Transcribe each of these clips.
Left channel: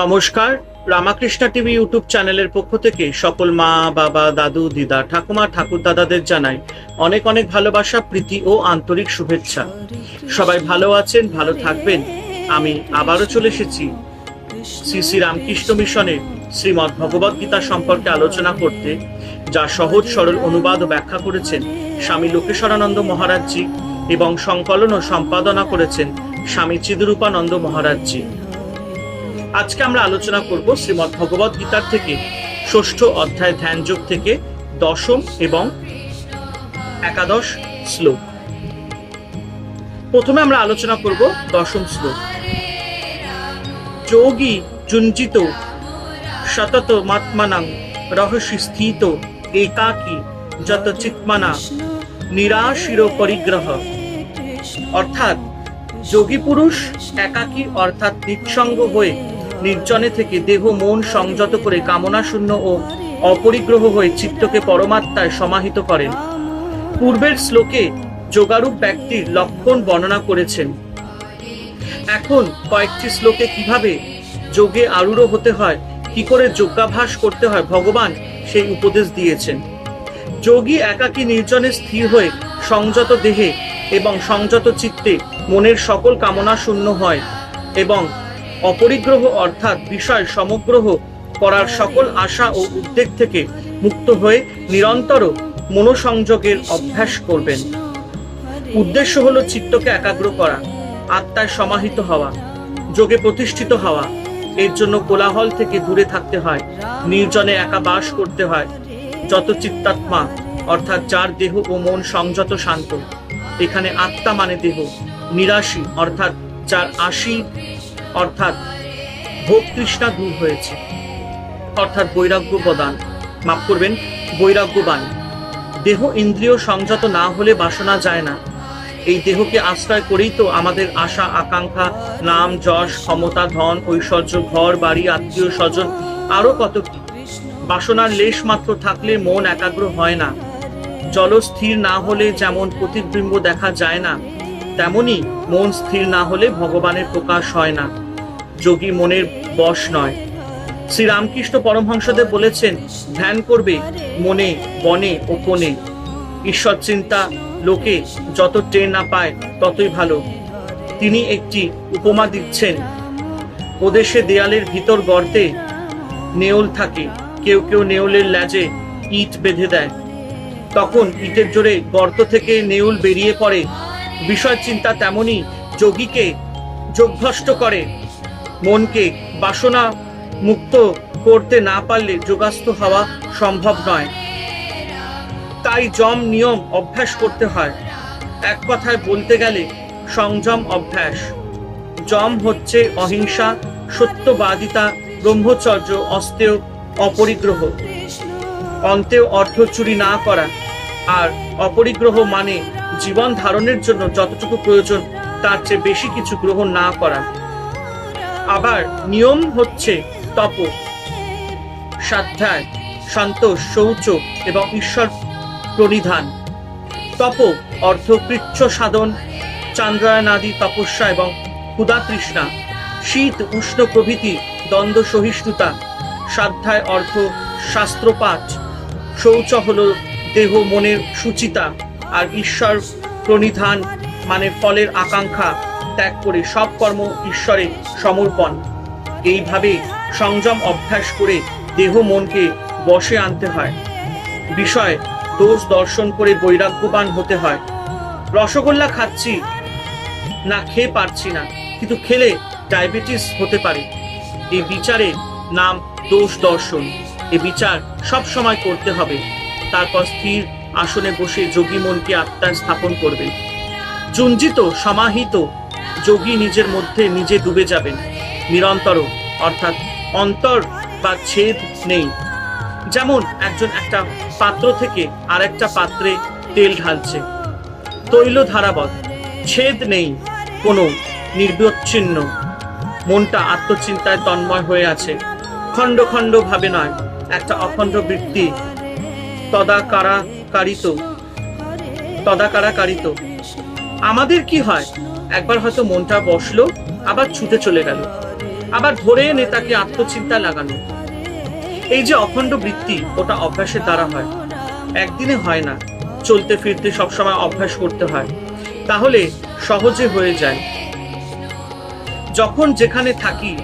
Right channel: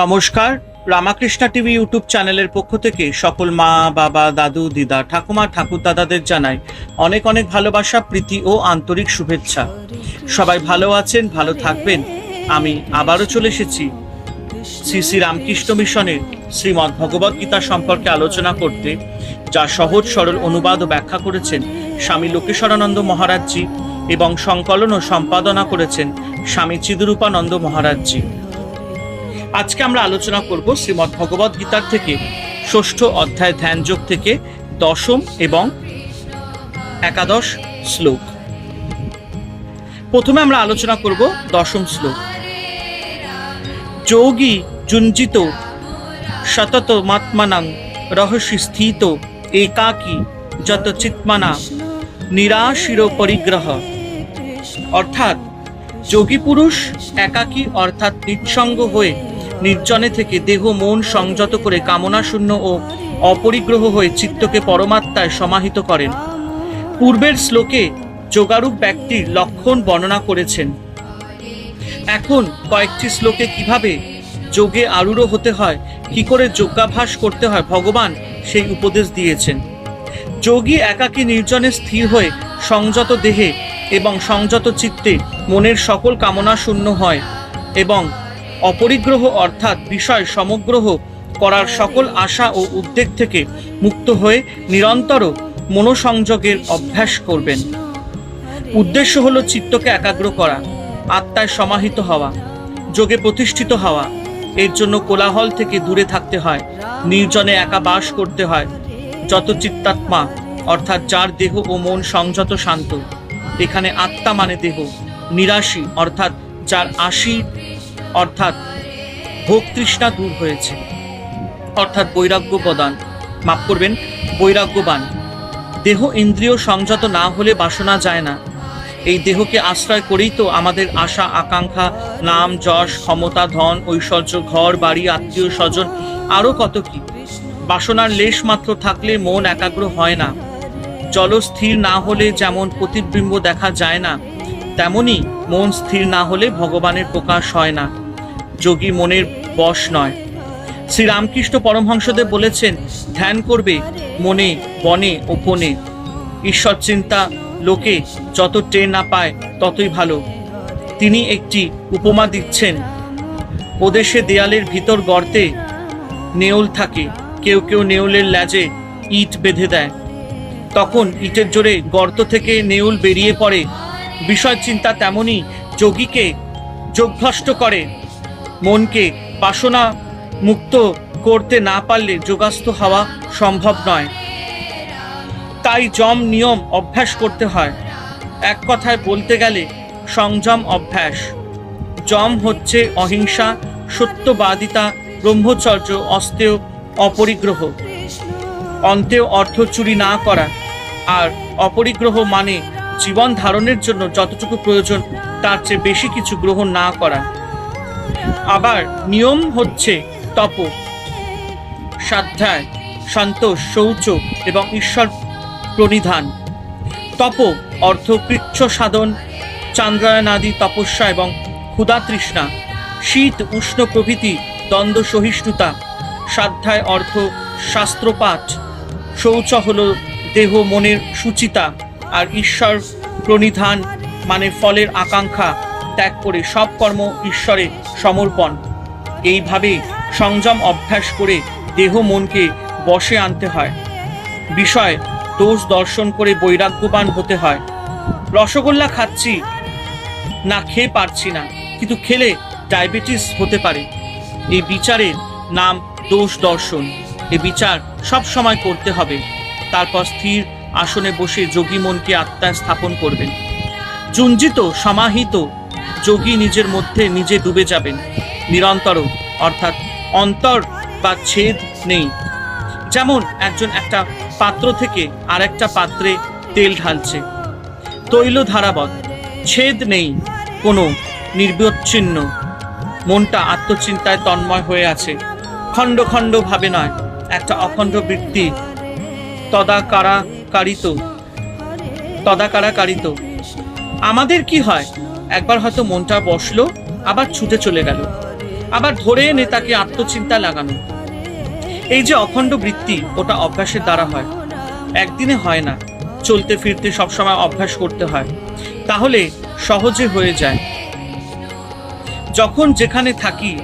নমস্কার। Ramakrishna TV YouTube চ্যানেলের পক্ষ থেকে সকল মা, বাবা, দাদু, দিদা, ঠাকুমা ঠাকুর দাদাদের জানাই অনেক অনেক ভালোবাসা, প্রীতি ও আন্তরিক শুভেচ্ছা। সবাই ভালো আছেন, ভালো থাকবেন। আমি আবারও চলে এসেছি শ্রী শ্রী রামকৃষ্ণ মিশনের শ্রীমৎ ভগবদ গীতা সম্পর্কে আলোচনা করতে, যা সহজ, সরল অনুবাদ ব্যাখ্যা করেছেন স্বামী লোকেশ্বরানন্দ মহারাজজি এবং সংকলন ও সম্পাদনা করেছেন স্বামী চিদরূপানন্দ মহারাজজি। আজকে আমরা আলোচনা করব শ্রীমৎ ভগবদ গীতার থেকে ষষ্ঠ অধ্যায় ধ্যানযোগ থেকে দশম এবং একাদশ শ্লোক। প্রথমে আমরা আলোচনা করব দশম শ্লোক। যোগী জুঞ্জিত সতত মাত্মানাং রহস্য স্থিত একাকী যত চিৎমানা নিরাশির পরিগ্রহ। অর্থাৎ যোগী পুরুষ একাকী অর্থাৎ নিঃসঙ্গ হয়ে নির্জনে থেকে দেহ, মন সংযত করে কামনা শূন্য ও অপরিগ্রহ হয়ে চিত্তকে পরমাত্মায় সমাহিত করেন। পূর্বের শ্লোকে যোগারূপ ব্যক্তির লক্ষণ বর্ণনা করেছেন। এখন কয়েকটি শ্লোকে কীভাবে যোগে আরূঢ় হতে হয়, কি করে যোগাভ্যাস করতে হয়, ভগবান সেই উপদেশ দিয়েছেন। যোগী একাকী নির্জনে স্থির হয়ে সংযত দেহে এবং সংযত চিত্তে মনের সকল কামনা শূন্য হয় এবং অপরিগ্রহ অর্থাৎ বিষয় সমগ্রহ করার সকল আশা ও উদ্বেগ থেকে মুক্ত হয়ে নিরন্তর মনোসংযোগের অভ্যাস করবেন। উদ্দেশ্য হলো চিত্তকে একাগ্র করা, আত্মায় সমাহিত হওয়া, যোগে প্রতিষ্ঠিত হওয়া। এর জন্য কোলাহল থেকে দূরে থাকতে হয়, নির্জনে একা বাস করতে হয়। যত চিত্তাত্মা, অর্থাৎ যার দেহ ও মন সংযত শান্ত, এখানে আত্মা মানে দেহ, নিরাশি, অর্থাৎ যার আশি অর্থাৎ ভোগ তৃষ্ণা দূর হয়েছে। অর্থাৎ বৈরাগ্য প্রদান। মাফ করবেন, বৈরাগ্যবান। দেহ ইন্দ্রিয় সংযত না হলে বাসনা যায় না। এই দেহকে আশ্রয় করেই তো আমাদের আশা, আকাঙ্ক্ষা, নাম, যশ, ক্ষমতা, ধন, ঐশ্বর্য, ঘর, বাড়ি, আত্মীয়, স্বজন, আরও কত কি? বাসনার লেশ মাত্র থাকলে মন একাগ্র হয় না। জল স্থির না হলে যেমন প্রতিবিম্ব দেখা যায় না, তেমনি মন স্থির না হলে ভগবানের প্রকাশ হয় না। যোগী মনের বশ নয়। শ্রী রামকৃষ্ণ পরমহংসদেব বলেছেন, ধ্যান করবে মনে, বনে ও কোণে ঈশ্বর চিন্তা লোকে যত টের না পায় ততই ভালো। তিনি একটি উপমা দিচ্ছেন, ওদেশে দেয়ালের ভিতর গর্তে নেউল থাকে। কেউ কেউ নেউলের ল্যাজে ইট বেঁধে দেয়। তখন ইটের জোরে গর্ত থেকে নেউল বেরিয়ে পড়ে। বিষয় চিন্তা তেমনই যোগীকে যোগভ্রষ্ট করে। মনকে বাসনা মুক্ত করতে না পারলে যোগাস্থ হওয়া সম্ভব নয়। তাই জম নিয়ম অভ্যাস করতে হয়। এক কথায় বলতে গেলে, সংযম অভ্যাস। জম হচ্ছে অহিংসা, সত্যবাদিতা, ব্রহ্মচর্য অস্তেয় অপরিগ্রহ। অন্তেও অর্থ চুরি না করা। আর অপরিগ্রহ মানে জীবন ধারণের জন্য যতটুকু প্রয়োজন, তার চেয়ে বেশি কিছু গ্রহণ না করা। আবার নিয়ম হচ্ছে তপ। স্বাধ্যায় শান্ত, শৌচ এবং ঈশ্বর প্রণিধান। তপ অর্থ কৃচ্ছ সাধন, চান্দ্রায়নাদি তপস্যা এবং ক্ষুধা তৃষ্ণা। শীত, উষ্ণ প্রভৃতি, দ্বন্দ্ব সহিষ্ণুতা। সাধ্যায় অর্থ শাস্ত্রপাঠ। শৌচ হল দেহ মনের সুচিতা, আর ঈশ্বর প্রণিধান মানে ফলের আকাঙ্ক্ষা। ত্যাগ করে সব কর্ম ঈশ্বরে সমর্পণ। এইভাবে সংযম অভ্যাস করে দেহ মনকে বশে আনতে হয়। বিষয়, দোষ দর্শন করে বৈরাগ্যবান হতে হয়। রসগোল্লা খাচ্ছি, না খেয়ে পারছি না, কিন্তু খেলে ডায়াবেটিস হতে পারে। এই বিচারের নাম দোষ দর্শন। এই বিচার সব সময় করতে হবে। তারপর স্থির আসনে বসে যোগী মনকে আত্মায় স্থাপন করবেন। জুঞ্জিত সমাহিত যোগী নিজের মধ্যে নিজে ডুবে যাবেন। নিরন্তর, অর্থাৎ অন্তর বা ছেদ নেই। যেমন একজন একটা পাত্র থেকে আরেকটা পাত্রে তেল ঢালছে। তৈল ধারাবত ছেদ নেই, কোনো নির্বিচ্ছিন্ন মনটা আত্মচিন্তায় তন্ময় হয়ে আছে। খণ্ড খণ্ড ভাবে নয়, একটা অখণ্ড বৃত্তি। তদাকারাকারিত তদাকারাকারিত। আমাদের কি হয়? একবার হয়তো মনটা বসল, আবার ছুটে চলে গেল। আবার ধরে এনে তাকে আত্মচিন্তা লাগানো। এই যে অখণ্ড বৃত্তি, ওটা অভ্যাসের দ্বারা হয়। একদিনে হয় না, চলতে ফিরতে সবসময় অভ্যাস করতে হয়। তাহলে সহজে হয়ে যায়। যখন যেখানে থাকি,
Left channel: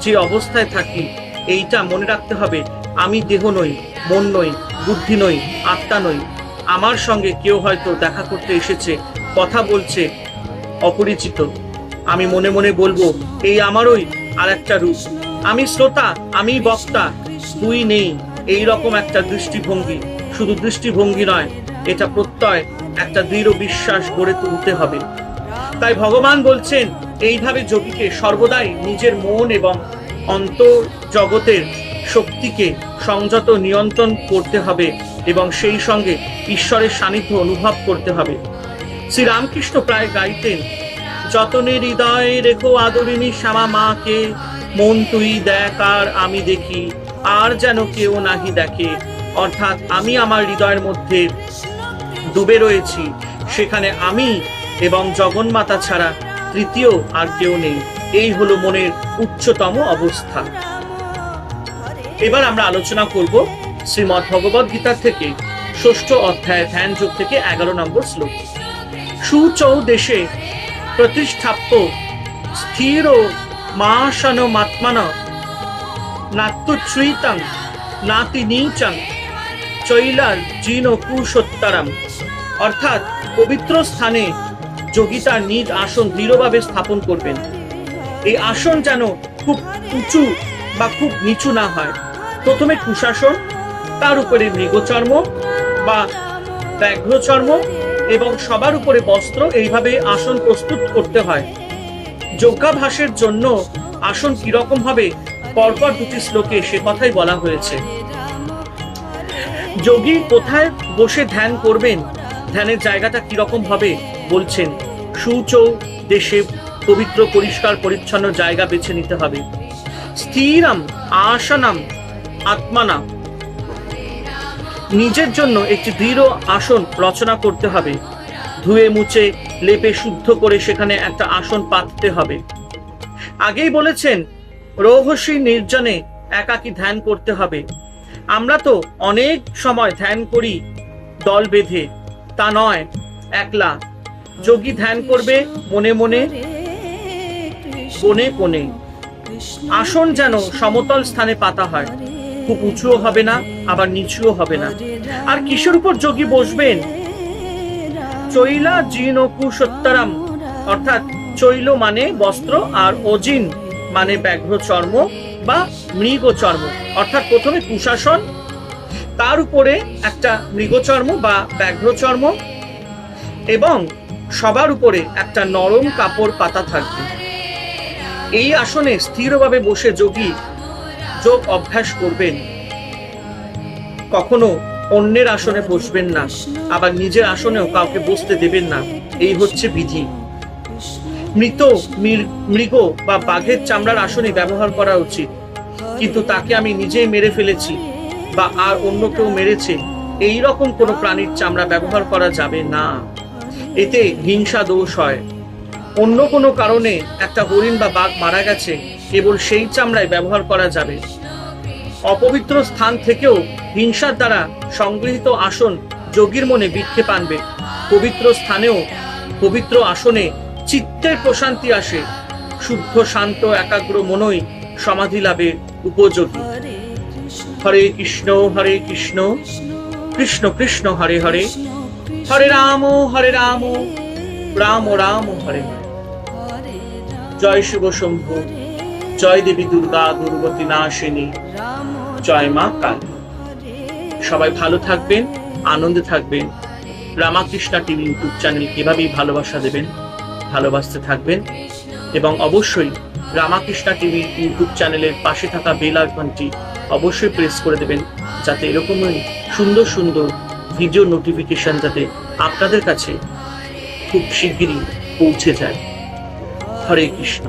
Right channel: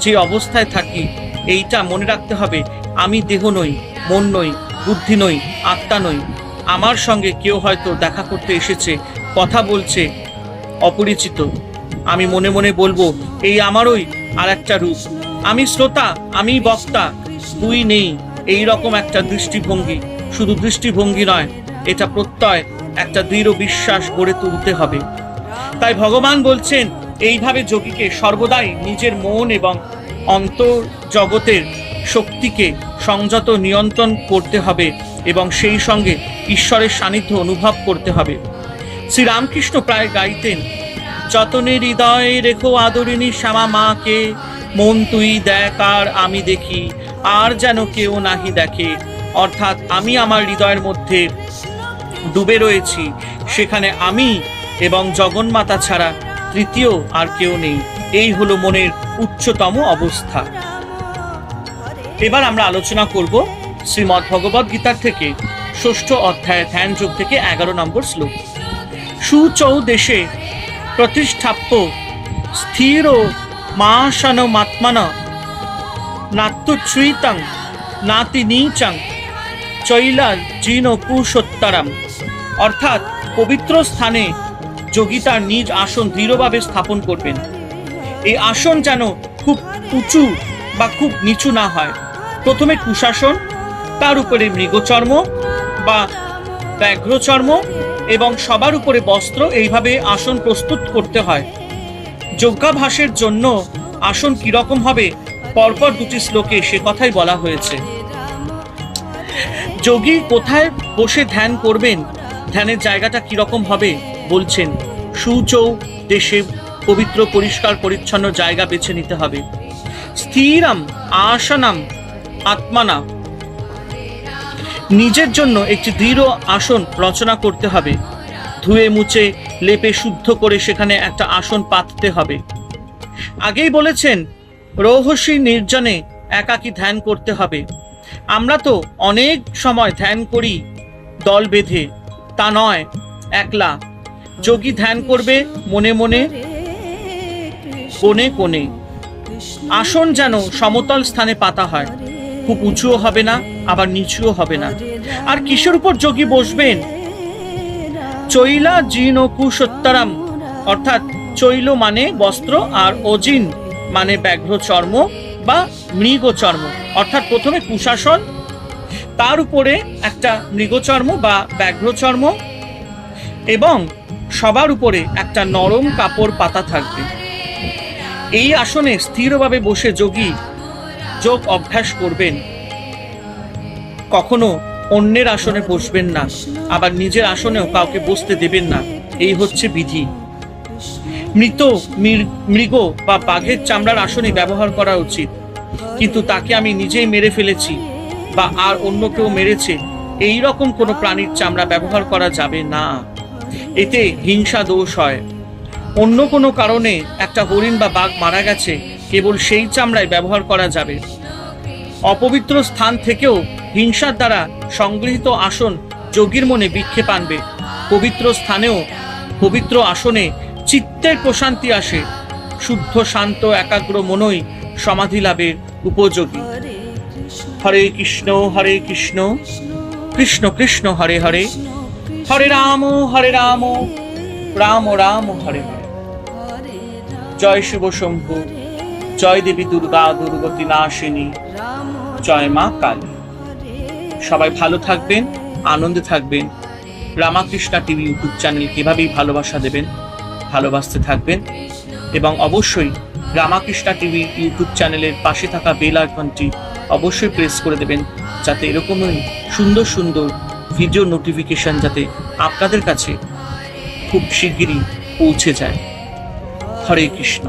যে অবস্থায় থাকি, এইটা মনে রাখতে হবে, আমি দেহ নই, মন নই, বুদ্ধি নই, আত্মা নই। আমার সঙ্গে কেউ হয়তো দেখা করতে এসেছে, কথা বলছে অপরিচিত। আমি মনে মনে বলব, এই আমারই আর একটা রূপ। আমি শ্রোতা, আমি বক্তা, দুই নেই, এই রকম একটা দৃষ্টিভঙ্গি। শুধু দৃষ্টিভঙ্গি নয়, এটা প্রত্যয়, একটা দৃঢ় বিশ্বাস গড়ে তুলতে হবে। তাই ভগবান বলছেন, এইভাবে যোগীকে সর্বদাই নিজের মন এবং অন্তর জগতের শক্তিকে সংযত নিয়ন্ত্রণ করতে হবে এবং সেই সঙ্গে ঈশ্বরের সান্নিধ্য অনুভব করতে হবে। শ্রীরামকৃষ্ণ প্রায় গাইতেন, যতনে হৃদয়ে রেখো আদরিণী শ্যামা মাকে, মন তুই দেখ আর আমি দেখি, আর যেন কেউ নাহি দেখে। অর্থাৎ আমি আমার হৃদয়ের মধ্যে ডুবে রয়েছি, সেখানে আমি এবং জগন্মাতা ছাড়া তৃতীয় আর কেউ নেই। এই হলো মনের উচ্চতম অবস্থা। এবার আমরা আলোচনা করব শ্রীমৎ ভগবদ গীতার থেকে, ষষ্ঠ অধ্যায় ধ্যান যোগ থেকে এগারো নম্বর শ্লোক। সুচৌ দেশে প্রতিষ্ঠাপ্য স্থির মাসন মাত্মন নাত্যুচ্ছ্রিতং নাতি নীচং চৈলার জিন পুরুষোত্তরম অর্থাৎ পবিত্র স্থানে যোগী তার নিজ আসন দৃঢ়ভাবে স্থাপন করবেন। এই আসন যেন খুব উঁচু বা খুব নিচু না হয়। প্রথমে কুশাসন, তার উপরে মৃগচর্ম বা ব্যাঘ্রচর্ম এবং সবার উপরে বস্ত্র এইভাবে আসন প্রস্তুত করতে হয়। যোগাভাসের জন্য আসন কীরকম হবে? পরপর দুটি শ্লোকে সে কথাই বলা হয়েছে। যোগী কোথায় বসে ধ্যান করবেন? ধ্যানের জায়গাটা কীরকম হবে? বলছেন, সুচৌ দেশে পবিত্র, পরিষ্কার, পরিচ্ছন্ন জায়গা বেছে নিতে হবে। স্থিরাম, আসানাম আত্মানা নিজের জন্য একটি দৃঢ় আসন রচনা করতে হবে। ধুয়ে মুছে, লেপে শুদ্ধ করে সেখানে একটা আসন পাততে হবে। আগেই বলেছেন, রহস্যী নির্জনে একাকী ধ্যান করতে হবে। আমরা তো অনেক সময় ধ্যান করি দল বেঁধে, তা নয়, একলা। যোগী ধ্যান করবে মনে মনে, কোণে কোণে। আসন যেন সমতল স্থানে পাতা হয়। খুব উঁচুও হবে না, আবার নিচুও হবে না। আর কিসের উপর যোগী বসবেন? চৈলা জিন ও কুসত্তরাম অর্থাৎ চৈল মানে বস্ত্র আর অজিন মানে ব্যাঘ্র চর্ম বা মৃগ চর্ম অর্থাৎ প্রথমে কুশাসন, তার উপরে একটা মৃগচর্ম বা ব্যাঘ্র চর্ম এবং সবার উপরে একটা নরম কাপড় পাতা থাকবে। এই আসনে স্থিরভাবে বসে যোগী যোগ অভ্যাস করবেন। কখনো অন্যের আসনে বসবেন না, আবার নিজের আসনেও কাউকে বসতে দেবেন না। এই হচ্ছে বিধি। মৃত মৃগ বা বাঘের চামড়ার আসনে ব্যবহার করা উচিত। কিন্তু তাকে আমি নিজেই মেরে ফেলেছি বা আর অন্য কেউ মেরেছে, এই রকম কোনো প্রাণীর চামড়া ব্যবহার করা যাবে না। এতে হিংসা দোষ হয়। অন্য কোনো কারণে একটা হরিণ বা বাঘ মারা গেছে কেবল সেই চামড়ায় ব্যবহার করা যাবে। অপবিত্র স্থান থেকেও হিংসার দ্বারা সংগৃহীত আসন যোগীর মনে বিক্ষেপ আনবে। পবিত্র স্থানেও পবিত্র আসনে চিত্তের প্রশান্তি আসে। শুদ্ধ শান্ত একাগ্র মনই সমাধি লাভের উপযোগী। হরে কৃষ্ণ। হরে কৃষ্ণ কৃষ্ণ। কৃষ্ণ হরে হরে। হরে রাম হরে রাম। রাম রাম হরে হরে। জয় শুভ শম্ভু। জয় দেবী দুর্গা দুর্গতি নাশিনী। জয় মা কালী। সবাই ভালো থাকবেন আনন্দে থাকবেন। রামাকৃষ্ণা টিভি ইউটিউব চ্যানেল এভাবেই ভালোবাসা দেবেন ভালোবাসতে থাকবেন। এবং অবশ্যই রামাকৃষ্ণা টিভি ইউটিউব চ্যানেলের পাশে থাকা বেল আইকনটি অবশ্যই প্রেস করে দেবেন যাতে এরকমই সুন্দর সুন্দর ভিডিও নোটিফিকেশন যাতে আপনাদের কাছে খুব শিগগিরই পৌঁছে যায়। হরে কৃষ্ণ।